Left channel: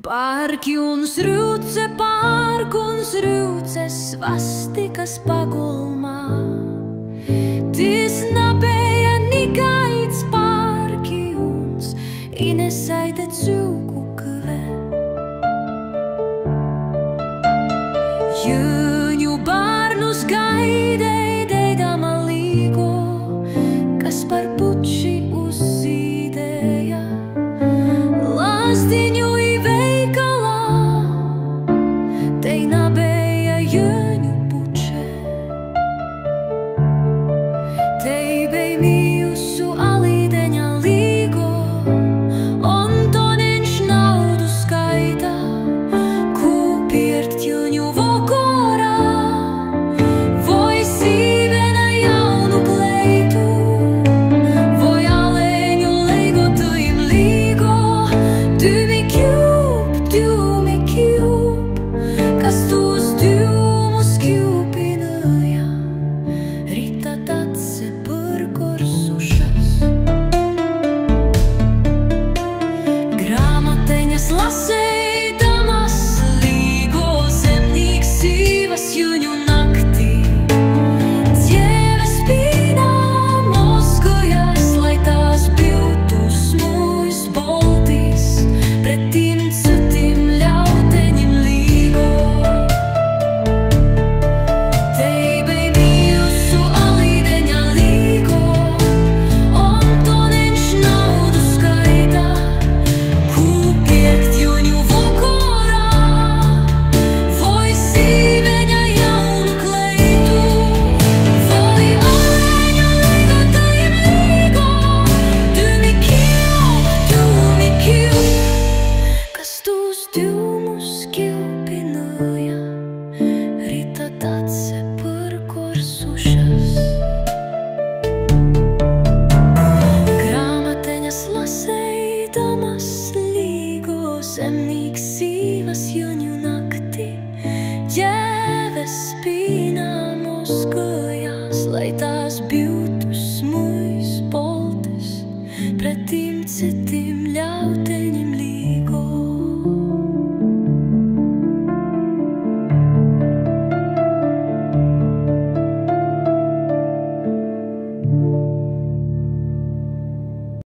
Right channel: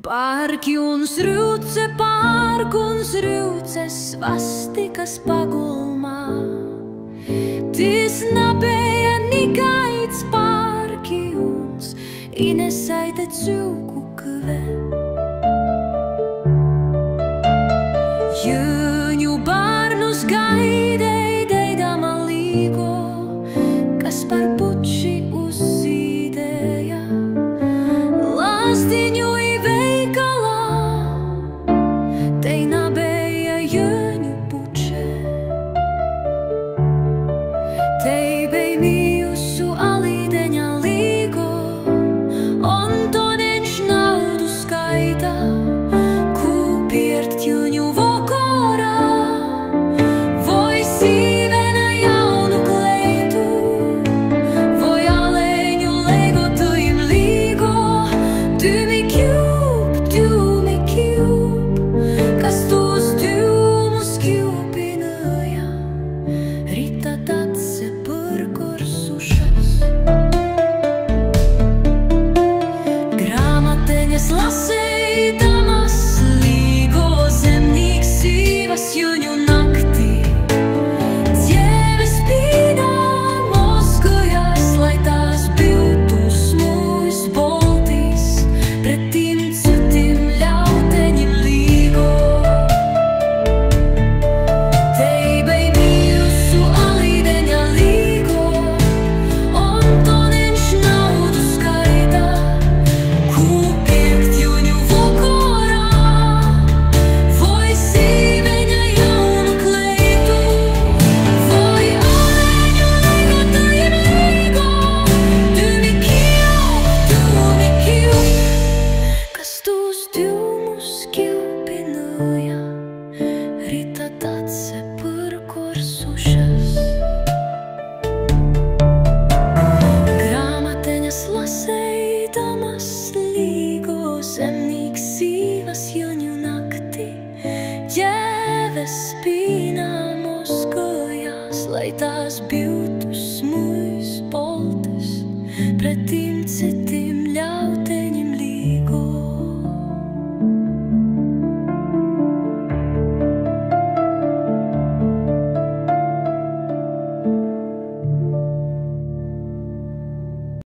Parkjuns rūce svastikas pagulmā. Tis nabēja nikaits parkjuns, inesaite cūku kve. Jūņu bārnus gaidei deidama līgo, kas par puči uzzīdēja. Lazdiņu i veikalā, tei nabēja jūņu puče. Tei bei mījusu alīdeņa līgo, on to neņš naudu skaita, kūpiert jūņu vokorā, voi sīvena jaunu kleitu, voi aleņu leigotu im līgo. Dūmi kjūp, kas tos dūmus kjūpināja, rita tatse purkorsušas. Grāmateņas laseidamas līgo zemnīgs sīvas jūņu naktī. Dzieve spīnā mozgojās, lai tās biltu smūjs boltīs, pretim cutim ļauteņim līgo. Tei bei mījusu alīdeņa līgo, on to neņš naudu skaita, kūpiekt jūņu vokorā, voi sīveņa jaunu kleitu, voi aleņu leigotajim līgo. Dūmi kjūp, kas tos dūmus kjūpināja, rita tatse purkorsušas. Grāmateņas laseidamas līgo zemnīgs sīvas jūņu naktī. Jēves spīnā mozgojās, lai tās biltu smūjs boltes, pretim citim